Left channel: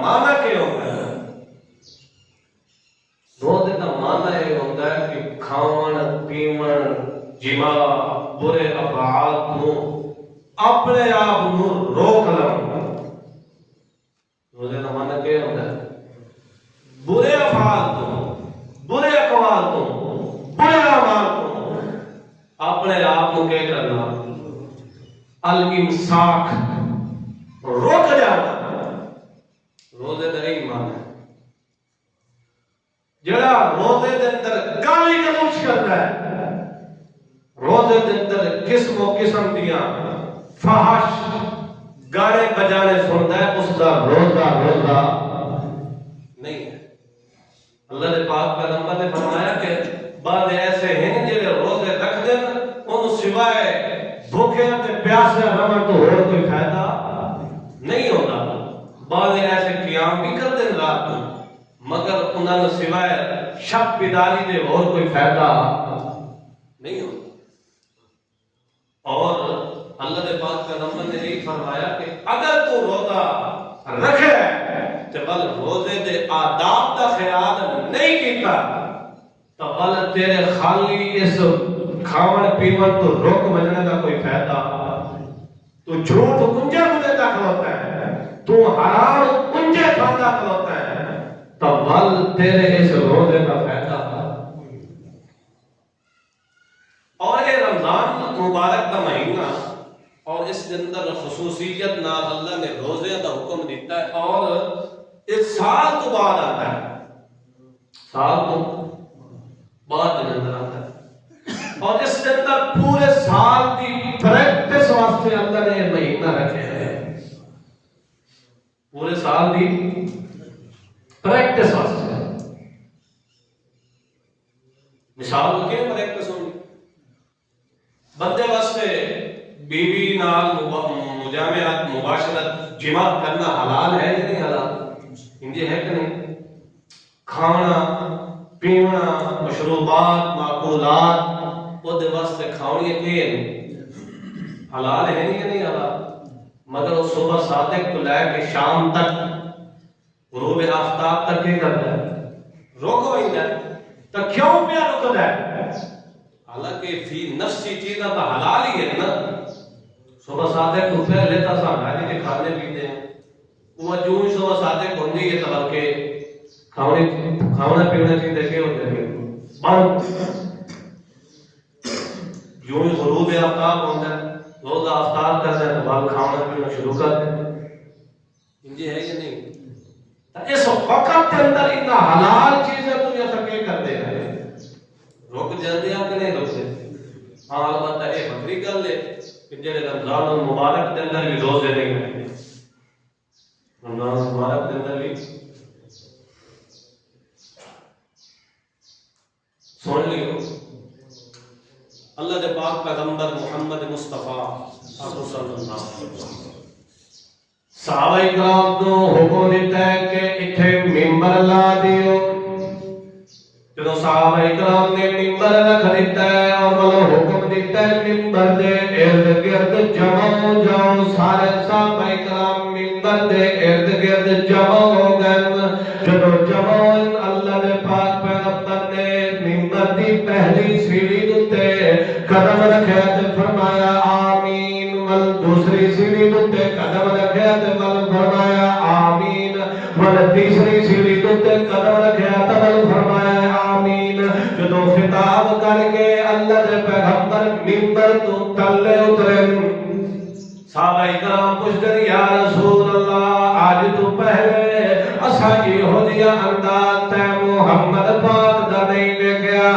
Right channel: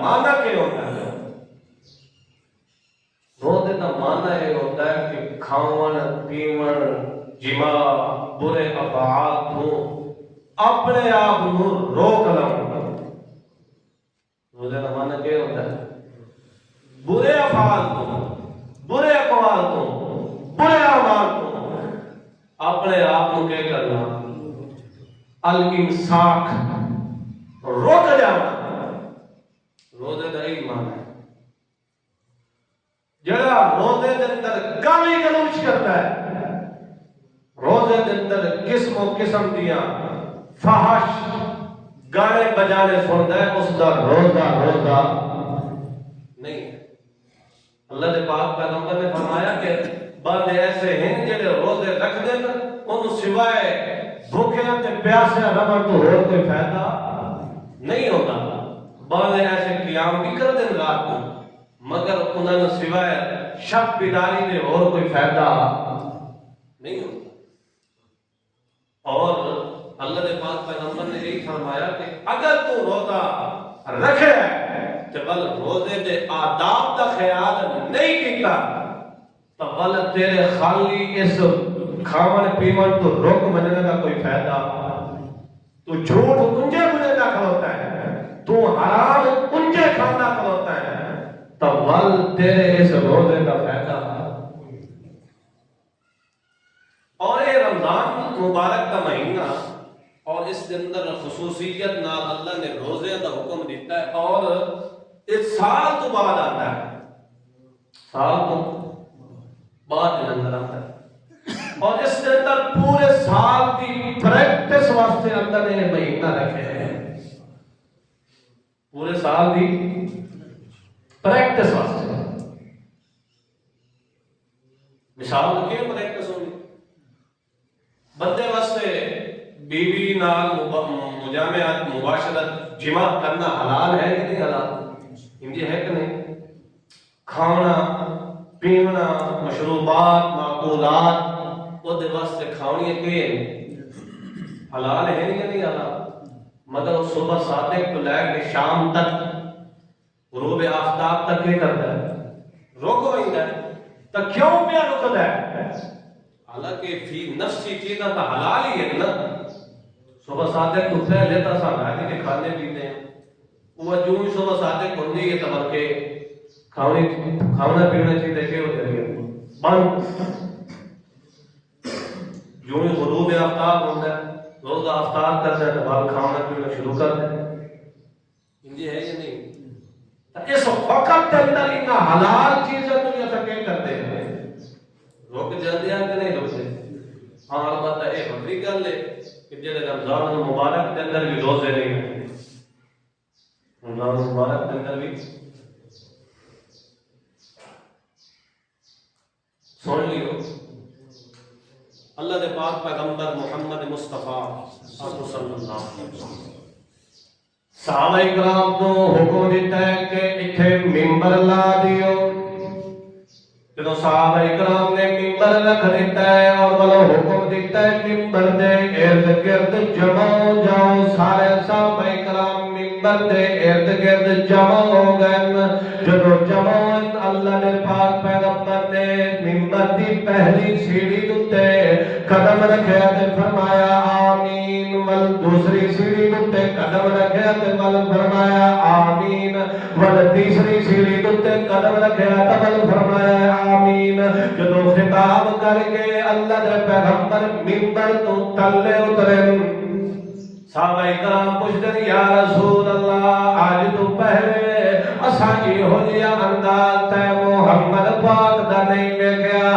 معنی کیا ہوتا ہے؟ روزے کا معنی یہ ہوتا ہے کہ کھاون پیون جما برے افعال کو اپنے آپ کو روک لو۔ روزے کا معنی کیا ہوتا ہے؟ برے افعال کو، برے اقوال کو، برے اعمال کو اپنے آپ کو کیا کرنا؟ الامساک، روک جانا۔ روزے کا یہی معنی ہے۔ جڑا روزے کے اندر گالی گلوچ کرتا ہے، روزے کے اندر قسم و قسم دیا فحش گانے بجانے سنتا ہے، اس کا روزہ نہیں ہے۔ اللہ نے پاک پیغمبر نے فرمایا کہ بعض ایسے ہیں جڑے روزے رکھ دیں ان سوائے بھوکے تے پیاسے رہن تو اور کوئی فائدہ نہیں ہوتا۔ بعض ایسے قیام بھی کر دیں رات کو مگر انہوں نے سوائے شب بیداری دے اور کوئی فائدہ نہیں ہوتا۔ اور اللہ نے پاک پیغمبر نے یہی فرمایا کہ اگر تو روزہ رکھے تو بل روزے دے آداب کا خیال نہیں کیتا تو بل تیرے خالی اس کھاون پیون تو روک مجنے کا کوئی فائدہ، تو جھوٹ کنجے کنے کا کھلوتا ہے، تو حرام کنجے کھانا کھلوتا ہے، تو بل تیرے اس روزے کا فائدہ۔ اور یہ رمضان مبارک کا مہینہ اور اس کے اندر خصوصیت نال اللہ نے روزے کا حکم دیتا ہے اور اس سال تو بعد آتا ہے، سال تو بعد کے اندر آتا ہے، اور اس کے اندر پورے سال کی پریکٹس واسطے اللہ نے یہ مہینہ رکھے ہیں، پورے سال کی پریکٹس واسطے۔ مثال کو کیا پریکٹس ہوگی؟ بندے واسطے بیوی نال مجامعت مباشرت جماع کرنا حلال ہے یا نہیں حلال؟ ہندی ہے کہ نہیں؟ کھانا پینا مشروبات معقولات وہ دے واسطے کھاونی کے حلال ہے یا نہیں حلال؟ مگر صبح صادق کو لے کے شام تک غروب آفتاب تک کیا کرتا ہے؟ روکو ہے تو کیوں پیا رکتا ہے؟ حالانکہ فی نفسی چیزیں تو حلال ہی ہے نا۔ صبح صادق اٹھے لیتا سا بھائی کے کھانے پیتے ہیں، وہ جو ہی صبح صادق ہوندی ہے تو کے کھانا پینا چیزیں کیا ہوتے ہیں بند، جو ہی غروب آفتاب ہوتا ہے روز آفتاب کرتا ہے تو بعد کھانا پینا شروع کر دیں۔ ہندی ہے یا نہیں؟ اس وقت کے اندر اتنا حلال چیزیں دنیا تک کیا کرتے ہیں؟ روک جاندے ہیں کہ نہیں روکتے؟ ہاں البتہ یہ بکری گل ہے کہ جڑے رمضان المبارک کے اندر بھی روزے نہیں رکھتے، رمضان المبارک کے اندر بھی سن لیو اللہ دے پاک پیغمبر محمد مصطفیٰ صلی اللہ علیہ وسلم صحابہ کرام کو حکم دیتا ہے کہ اتھے ممبر لا دیو۔ جب صحابہ کرام نے ممبر رکھ دیتا ہے اور وہ حکم دیتا ہے ممبر دے ارد گرد جمع ہو جاؤ، سارے صحابہ کرام ممبر دے ارد گرد جمع ہو گئے۔ جب جمع ہوئے اللہ نے پاک پیغمبر نے ممبر دی پہلی سیڑھی تے قدم رکھے تے فرمایا آمین، ول دوسری سیڑھی تے قدم رکھے تے ول فرمایا آمین، ول تیسری سیڑھی تے قدم رکھے تے ول فرمایا آمین۔ جدو خطاب کر کے اللہ دے پیغمبر ممبر تو تلے اترے، صحابہ کرام پوچھتے یا رسول اللہ آج تو پہلے اساں ہو جیا انداز تے محمد پاک دا نہیں لے گیا،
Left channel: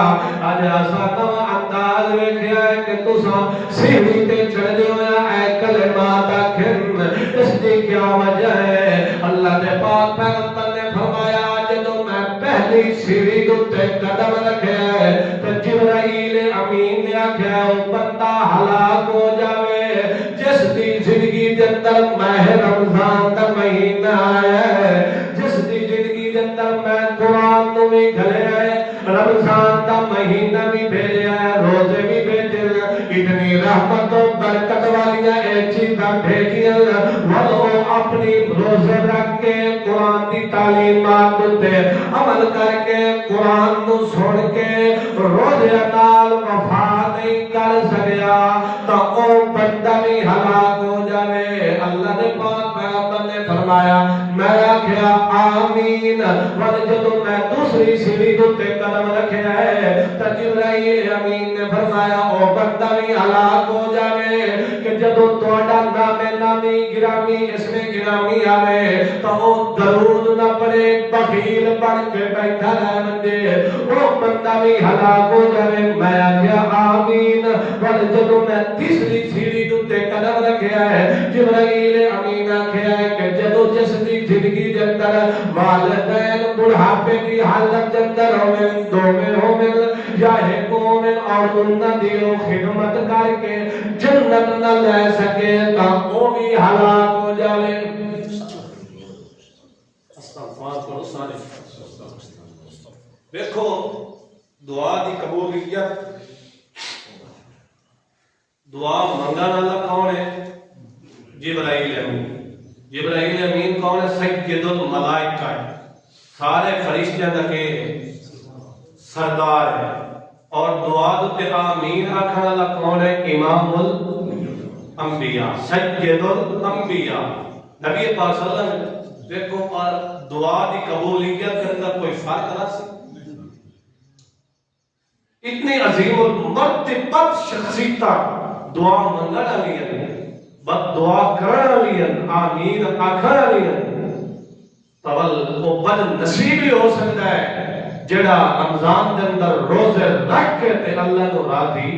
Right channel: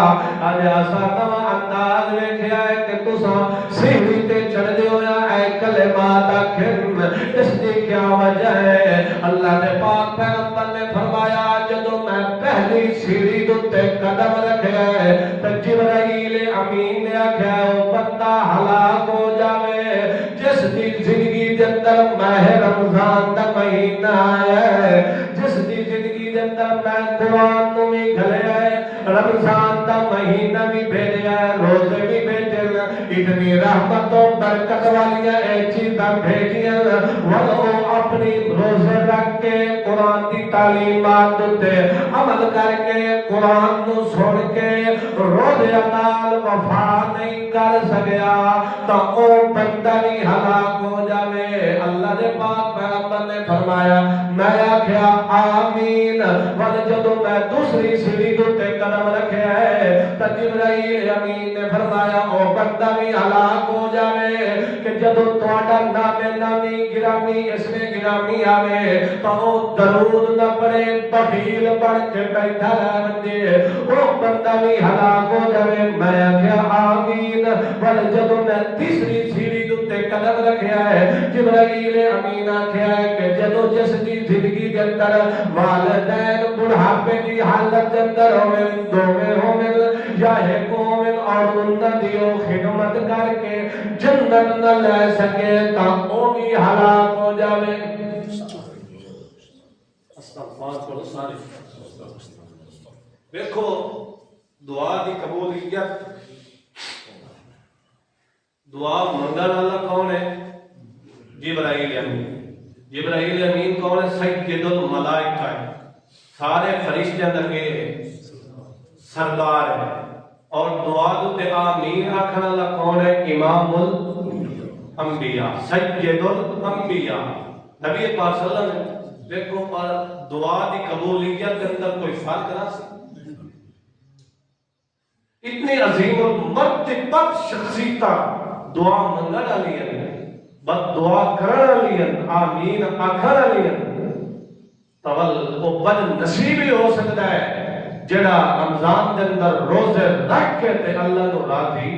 آج اساں نواں انداز ویکھیا ہے کہ تساں سیڑھی تے چڑھ دے ہویا اے کلمات آکھن، اس دی کیا وجہ ہے؟ اللہ دے پاک پیغمبر نے فرمایا جدوں میں پہلی سیڑھی تے قدم رکھیا ہے تے جبرائیل امین نے آکھیا او بندہ ہلاک ہو جاوے جس دی زندگی دے اندر ماہ رمضان دا مہینہ آیا ہے، جس دی زندگی دے اندر میں قرآن نو بھی گھلیا ہے، رمضان دا مہینہ بھی بھیجا ہے، روزے بھی بھیجے ہیں، اتنی رحمت و برکت والی چیزاں بھیجی ہیں، وہ اپنی روزے رکھ کے قرآن تعلیمات تے عمل کر کے قرآن نو سن کے روزے نال وفا نہیں کر سکیا تو او بندہ بھی ہلاک ہو جاوے. اللہ دے پاک پیغمبر نے فرمایا میں آکھیا آمین. ول جدوں میں دوسری سیڑھی تے قدم رکھیا ہے تے جبرائیل امین نے فرمایا او بندہ بھی ہلاک ہو جاوے کہ جدوں تہاڈا نام نامی گرامی اس میں گرامی آوے تو او درود نہ پڑھے بخیل بن کے بیٹھا رہ بندے او بندہ بھی ہلاک ہو جاوے. میں آکھیا آمین. ول جدوں میں تیسری سیڑھی تے قدم رکھیا ہے جبرائیل امین آکھیا ہے کہ جدوں جس دی زندگی دے اندر والدین بڑھاپے دی حالت دے اندر ہوویں دوویں ہوویں یا ایک ہوویں اور انہاں دی خدمت کر کے جنت نہ لے سکے تا او بھی ہلاک ہو جاوے. استغفار پڑھو سارے. دیکھو دعا دی قبولیت دعا منگن والا کون ہے؟ جبرائیل امین. جبرائیل امین کون ہے؟ سید الملائکہ ہے. سارے فرشتیاں دا کہ سردار ہے. اور دعا تے آمین آکھن والا کون ہے؟ امام الانبیاء سید الانبیاء نبی پاک صلی اللہ علیہ وسلم. دیکھو اور دعا دی قبولیت کے اندر کوئی فرق نہ سی. اتنی عظیم المرتبت شخصیت دعا منگن والی ہے بد دعا کرن والی ہے آمین آکھن والی ہے. تول او بد نصیب ہی ہو سکتا ہے جڑا رمضان دے اندر روزے رکھ کے تے اللہ نو راضی